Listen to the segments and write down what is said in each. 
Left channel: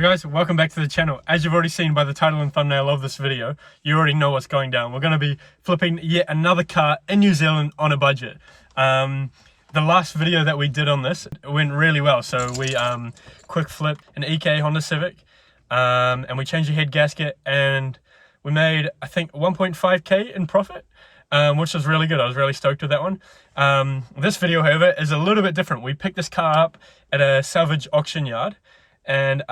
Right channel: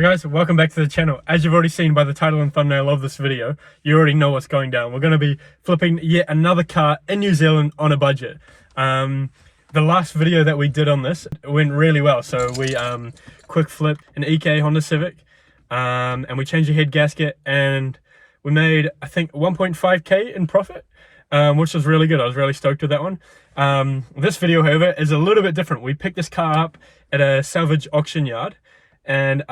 Hey guys, welcome back to the channel. As you've already seen by the title and thumbnail of this video, you already know what's going down. We're going to be flipping yet another car in New Zealand on a budget. The last video that we did on this went really well. So we quick flipped an EK Honda Civic, and we changed the head gasket, and we made, I think, 1.5k in profit, which was really good. I was really stoked with that one. This video, however, is a little bit different. We picked this car up at a salvage auction yard, and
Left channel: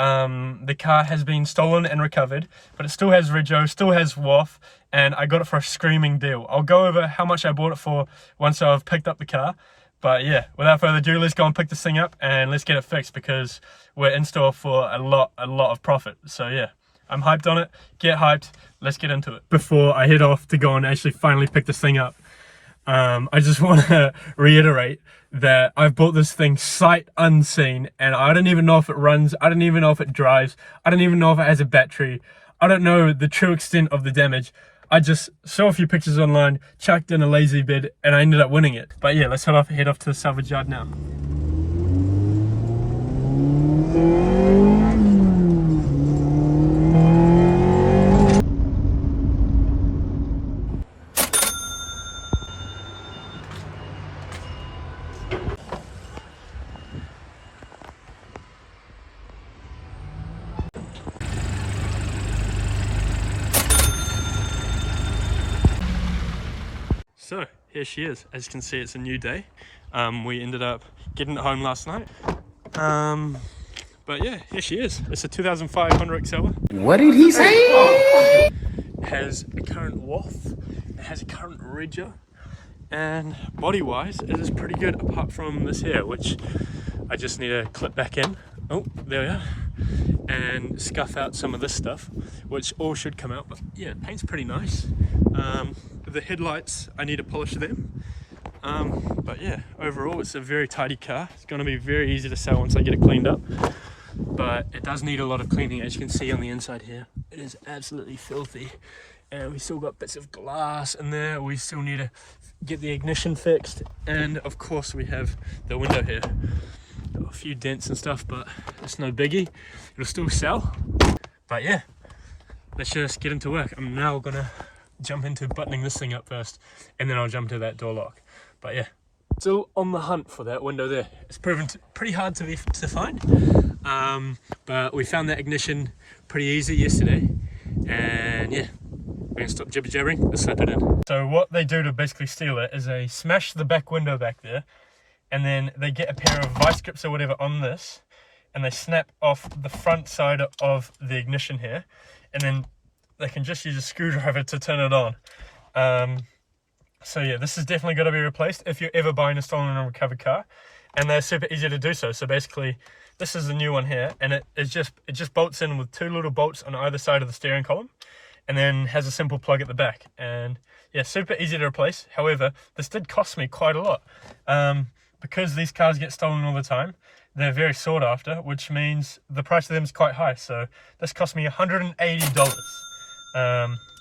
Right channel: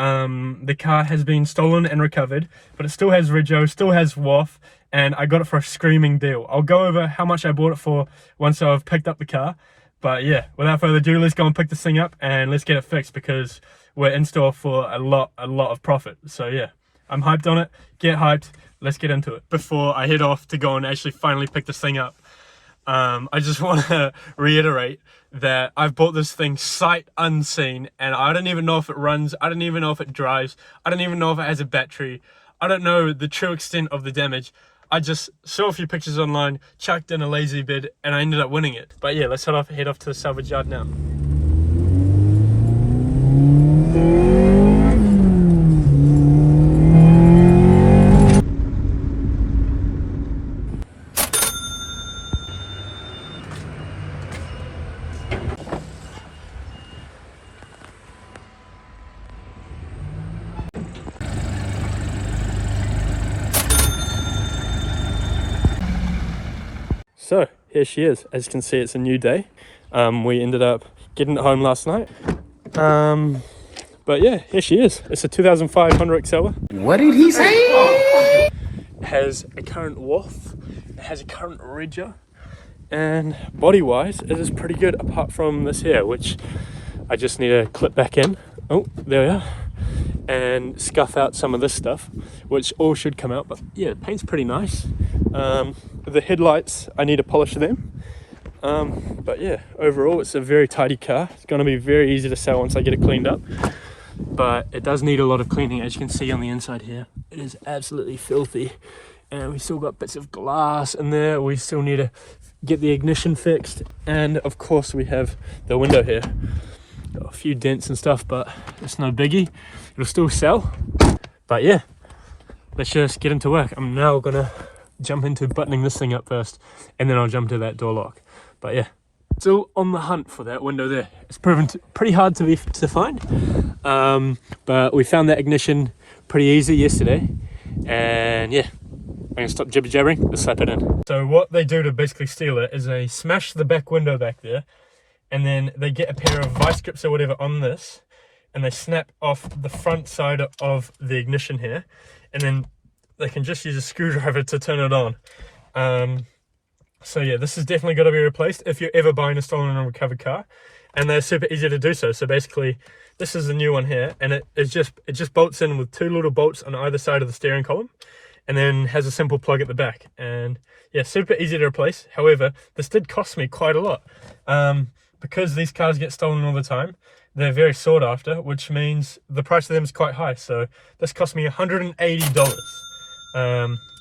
the car has been stolen and recovered, but it still has rego, still has WAF, and I got it for a screaming deal. I'll go over how much I bought it for once I've picked up the car. But yeah, without further ado, let's go and pick this thing up and let's get it fixed, because we're in store for a lot of profit. So yeah, I'm hyped on it. Get hyped, let's get into it. Before I head off to go and actually finally pick this thing up, I just want to reiterate that I've bought this thing sight unseen, and I don't even know if it runs, I don't even know if it drives, I don't even know if it has a battery, I don't know the true extent of the damage. I just saw a few pictures online, chucked in a lazy bid, and I ended up winning it. But yeah, let's head off to the salvage yard now. So here she is. As you can see, it's a new day. We ended up getting it home last night. But yeah, here she is. It's a 2005 Honda Excella. What did he say? It has a current WAF, it has a current rego, and body wise it is pretty good, apart from this here, which I just need to clip back in. Oh, there we are. And scuff out some of this stuff, which all should come out. But yeah, the paint's pretty nice. The headlights, I need to polish them. But yeah, overall it's a very tidy car. It's going to be very easy to sell once I get it cleaned up, but it does need a lot of cleaning. As you can see on the inside here, it is absolutely filthy, and we still got bits of glass in there. We still need to get the ignition fixed, and of course we have the window here. Got a few dents and stuff, but it's no biggie, it'll still sell. But yeah, let's just get into work. I'm now gonna jump into buttoning this thing up first, and then I'll jump to that door lock. But yeah, still on the hunt for that window there. It's proven pretty hard to find, but we found that ignition pretty easy yesterday, and yeah, I'm gonna stop jibber jabbering, let's slap it in. So what they do to basically steal it is they smash the back window back there, and then they get a pair of vice grips or whatever on this, and they snap off the front side of the ignition here, and then they can just use a screwdriver to turn it on. So yeah, this is definitely got to be replaced if you're ever buying a stolen and recovered car, and they're super easy to do so. So basically, this is the new one here, and it just bolts in with two little bolts on either side of the steering column, and then has a simple plug at the back. And yeah, super easy to replace. However, this did cost me quite a lot, because these cars get stolen all the time. They're very sought after, which means the price of them is quite high. So this cost me $180,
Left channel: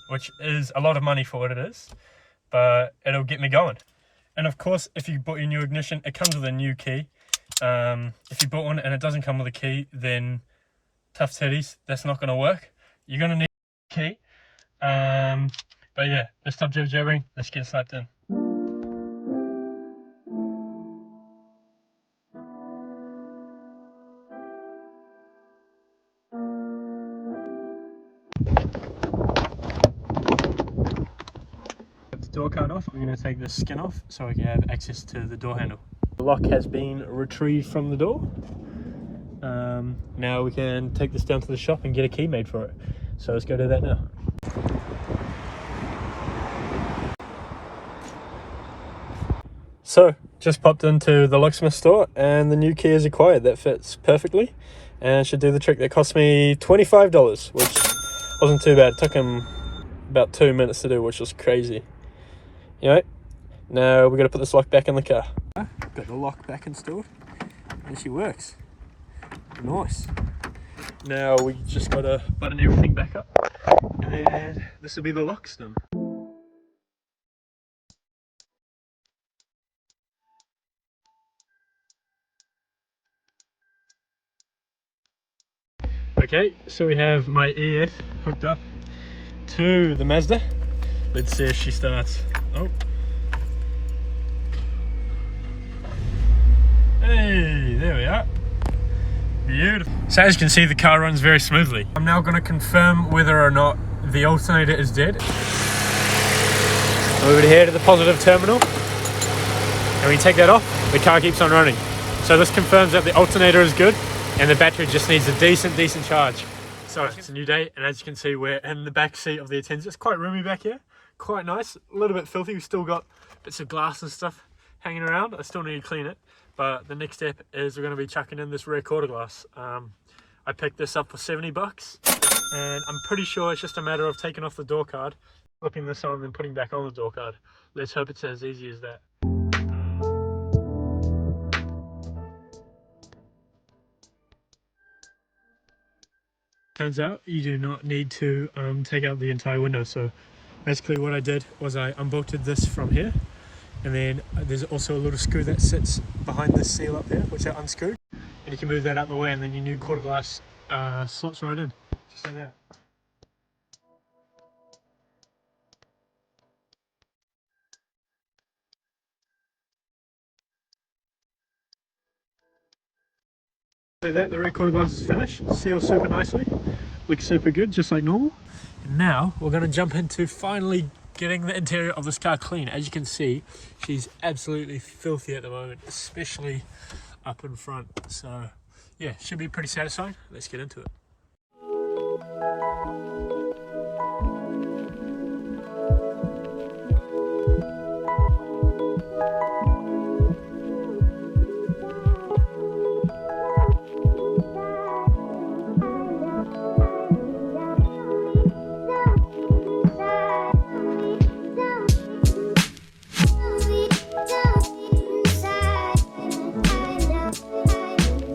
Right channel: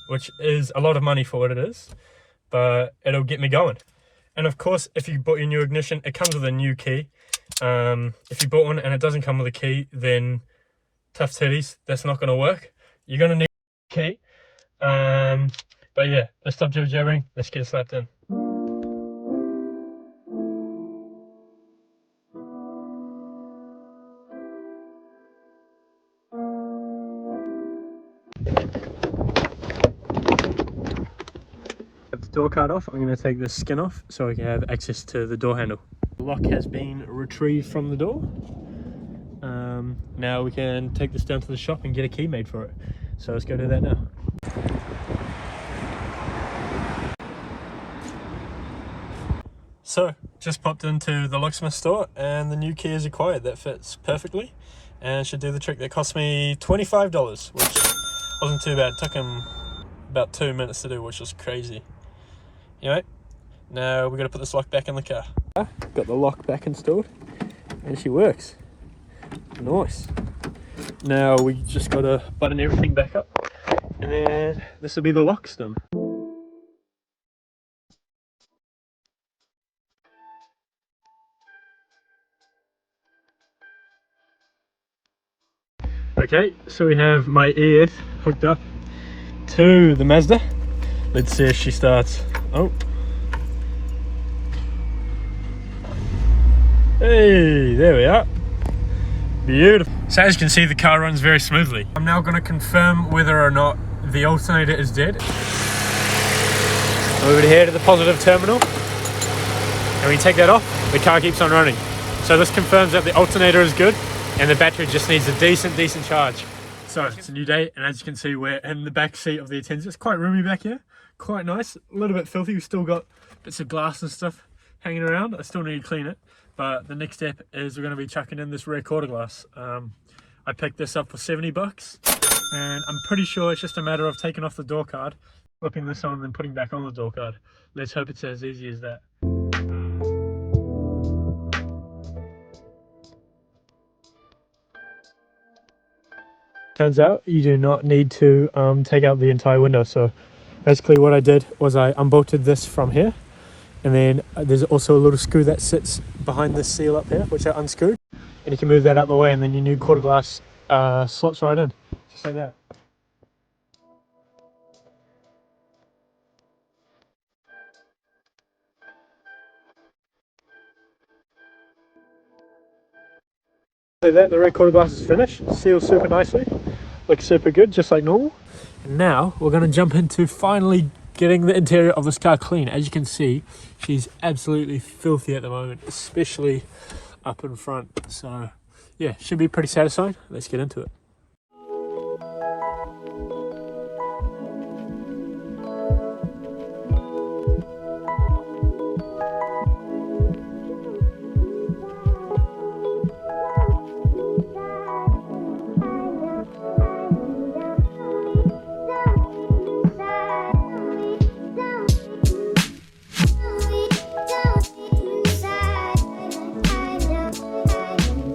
which is a lot of money for what it is, but it'll get me going. And of course, if you bought your new ignition, it comes with a new key. If you bought one and it doesn't come with a key, then tough titties, that's not going to work. You're going to need a key. But yeah, let's stop jibber jabbering, let's get slapped in. Door card off, I'm going to take the skin off so I can have access to the door handle. The lock has been retrieved from the door. Now we can take this down to the shop and get a key made for it. So let's go do that now. So just popped into the locksmith store, and the new key is acquired. That fits perfectly and should do the trick. That cost me $25, which wasn't too bad. It took him about 2 minutes to do, which was crazy. Anyway, now we're going to put this lock back in the car. Got the lock back installed, and she works. Nice. Now we just got to button everything back up, and then this will be the lock stem. Okay, so we have my EF hooked up to the Mazda. Let's see if she starts. Oh. Hey, there we are. Beautiful. So as you can see, the car runs very smoothly. I'm now going to confirm whether or not the alternator is dead. Over here to the positive terminal. And when you take that off, the car keeps on running. So this confirms that the alternator is good and the battery just needs a decent charge. So it's a new day, and as you can see, we're in the back seat of the Atenza. It's quite roomy back here, quite nice, a little bit filthy. We've still got bits of glass and stuff hanging around. I still need to clean it, but the next step is we're going to be chucking in this rear quarter glass. I picked this up for 70 bucks, and I'm pretty sure it's just a matter of taking off the door card, flipping this on, and then putting back on the door card. Let's hope it's as easy as that. Turns out you do not need to take out the entire window. So basically what I did was I unbolted this from here, and then there's also a little screw that sits behind this seal up here, which I unscrewed, and you can move that out of the way, and then your new quarter glass slots right in, just like that. So that the rear quarter glass is finished, seals super nicely, looks super good, just like normal. And now we're going to jump into finally getting the interior of this car clean. As you can see, she's absolutely filthy at the moment, especially up in front. So yeah, should be pretty satisfying. Let's get into it.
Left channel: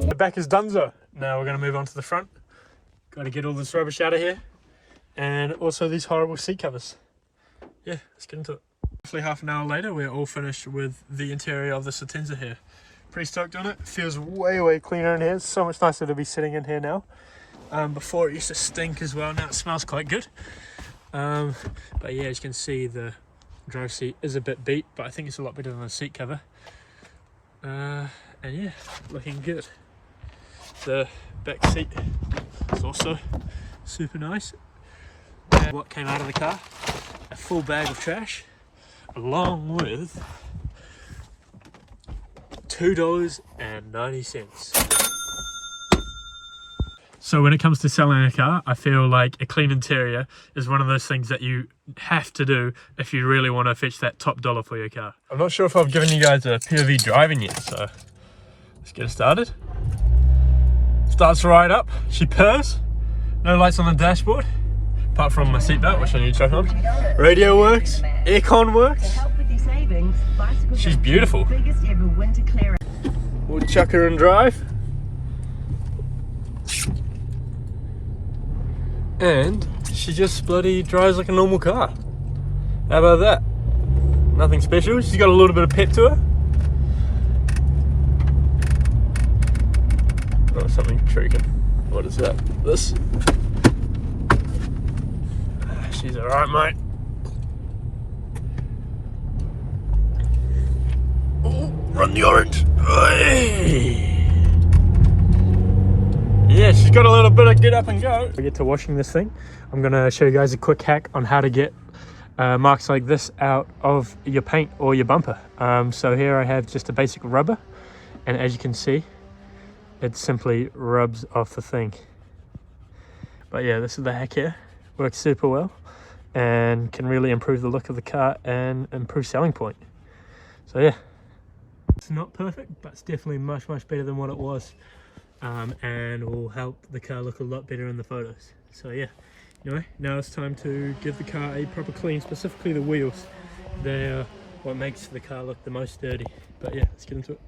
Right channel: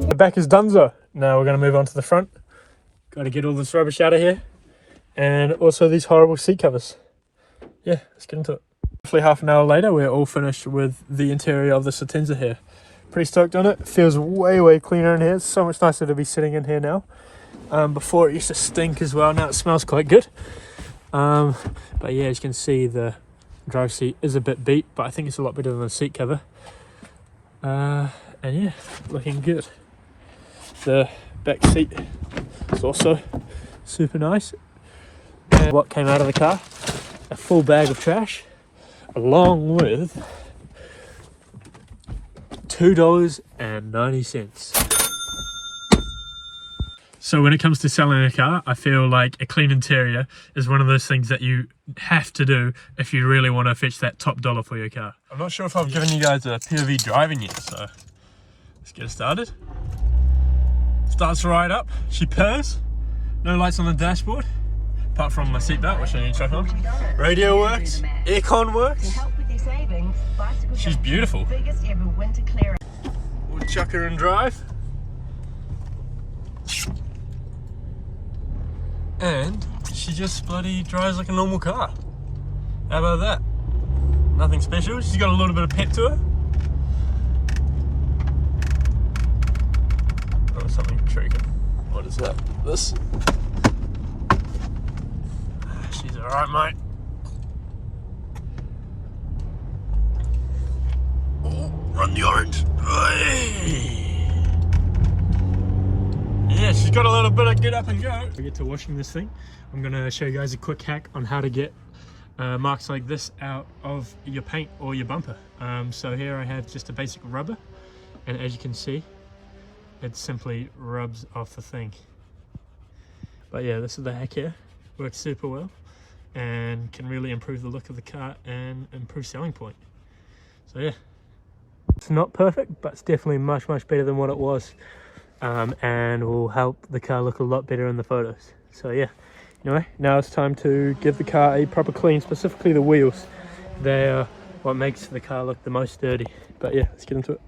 The back is donezo. Now we're going to move on to the front. Got to get all this rubbish out of here, and also these horrible seat covers. Yeah, let's get into it. Roughly half an hour later, we're all finished with the interior of this Atenza here. Pretty stoked on it. Feels way cleaner in here. It's so much nicer to be sitting in here now. Before it used to stink as well. Now it smells quite good. But yeah, as you can see, the driver's seat is a bit beat, but I think it's a lot better than the seat cover. And yeah, looking good. The back seat is also super nice. And what came out of the car? A full bag of trash, along with $2.90. So when it comes to selling a car, I feel like a clean interior is one of those things that you have to do if you really want to fetch that top dollar for your car. I'm not sure if I've given you guys a POV driving yet, so let's get started. Starts right up, she purrs, no lights on the dashboard, apart from my seatbelt, which I need to chuck on. Radio works, aircon works. She's beautiful. We'll chuck her and drive. And she just bloody drives like a normal car. How about that? Nothing special, she's got a little bit of pep to her. Oh, something creaking. What is that? This? She's alright, mate. Oh, run the orange. Hey. Yeah, she's got a little bit of get up and go. We get to washing this thing. I'm going to show you guys a quick hack on how to get marks like this out of your paint or your bumper. So here I have just a basic rubber, and as you can see, it simply rubs off the thing. But yeah, this is the hack here. Works super well and can really improve the look of the car and improve selling point. So yeah, it's not perfect, but it's definitely much better than what it was, and will help the car look a lot better in the photos. So yeah, anyway, now it's time to give the car a proper clean, specifically the wheels. They are what makes the car look the most dirty. But yeah, let's get into it.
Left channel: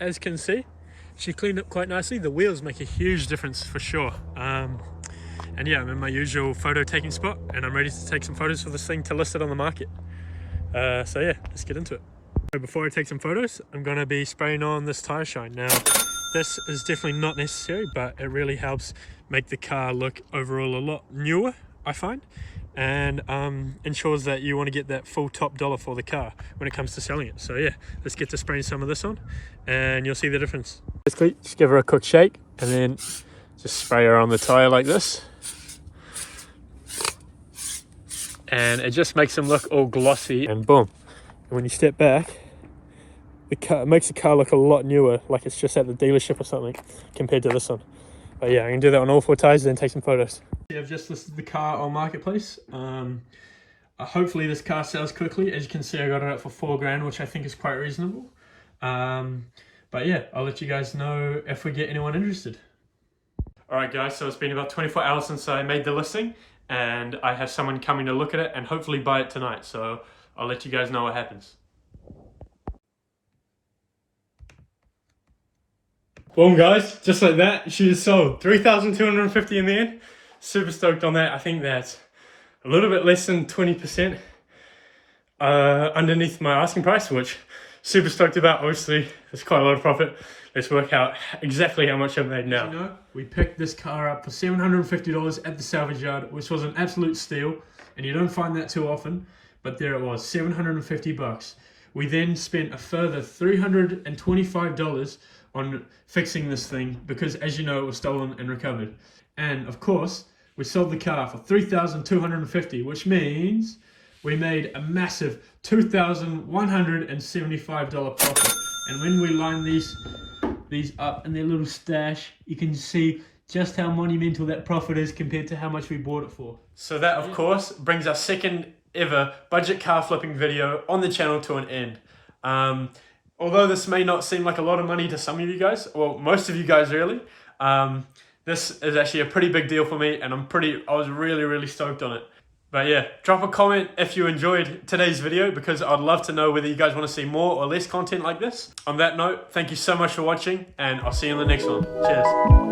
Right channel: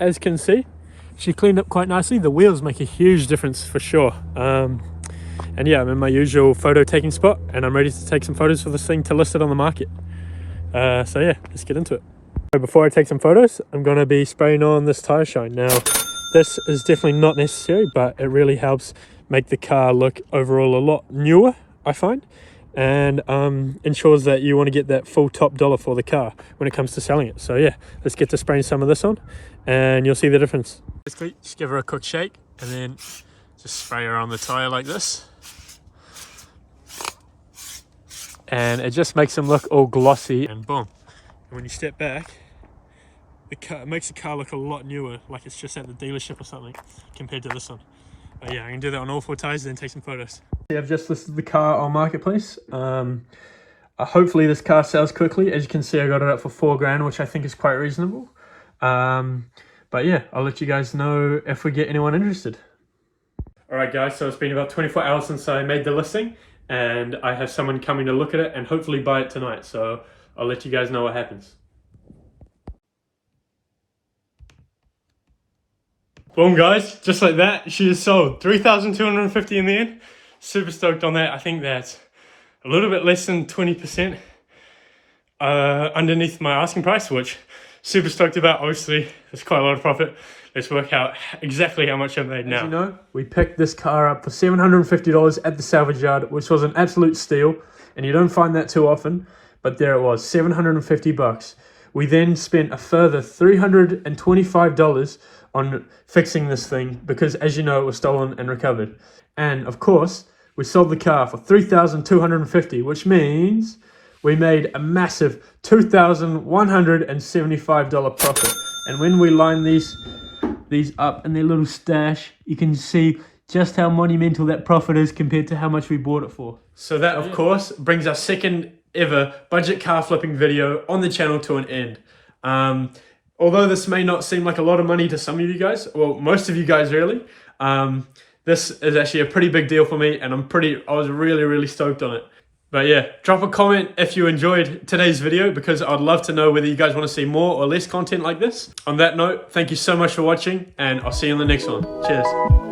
As you can see, she cleaned up quite nicely. The wheels make a huge difference for sure. And yeah, I'm in my usual photo taking spot, and I'm ready to take some photos for this thing to list it on the market. So yeah, let's get into it. Before I take some photos, I'm going to be spraying on this tire shine. Now, this is definitely not necessary, but it really helps make the car look overall a lot newer, I find, and ensures that you want to get that full top dollar for the car when it comes to selling it. So yeah, let's get to spraying some of this on and you'll see the difference. Basically, just give her a quick shake and then just spray her on the tire like this. And it just makes them look all glossy, and boom. And when you step back, it makes the car look a lot newer, like it's just at the dealership or something, compared to this one. But yeah, I can do that on all 4 tires, then take some photos. Yeah, I've just listed the car on Marketplace. Hopefully this car sells quickly. As you can see, I got it up for $4,000, which I think is quite reasonable. But yeah, I'll let you guys know if we get anyone interested. All right, guys, so it's been about 24 hours since I made the listing, and I have someone coming to look at it and hopefully buy it tonight. So I'll let you guys know what happens. Boom, guys, just like that, she is sold. $3,250 in the end. Super stoked on that. I think that's a little bit less than 20% underneath my asking price, which super stoked about. Obviously, there's quite a lot of profit. Let's work out exactly how much I've made now. As you know, we picked this car up for $750 at the salvage yard, which was an absolute steal, and you don't find that too often, but there it was, 750 bucks. We then spent a further $325 on fixing this thing because, as you know, it was stolen and recovered. And of course, we sold the car for $3,250, which means we made a massive $2,175 profit. And when we line these up in their little stash, you can see just how monumental that profit is compared to how much we bought it for. So that, of course, brings our second ever budget car flipping video on the channel to an end. Although this may not seem like a lot of money to some of you guys, well, most of you guys really, this is actually a pretty big deal for me, and I was really stoked on it. But yeah, drop a comment if you enjoyed today's video, because I'd love to know whether you guys want to see more or less content like this. On that note, thank you so much for watching, and I'll see you in the next one. Cheers.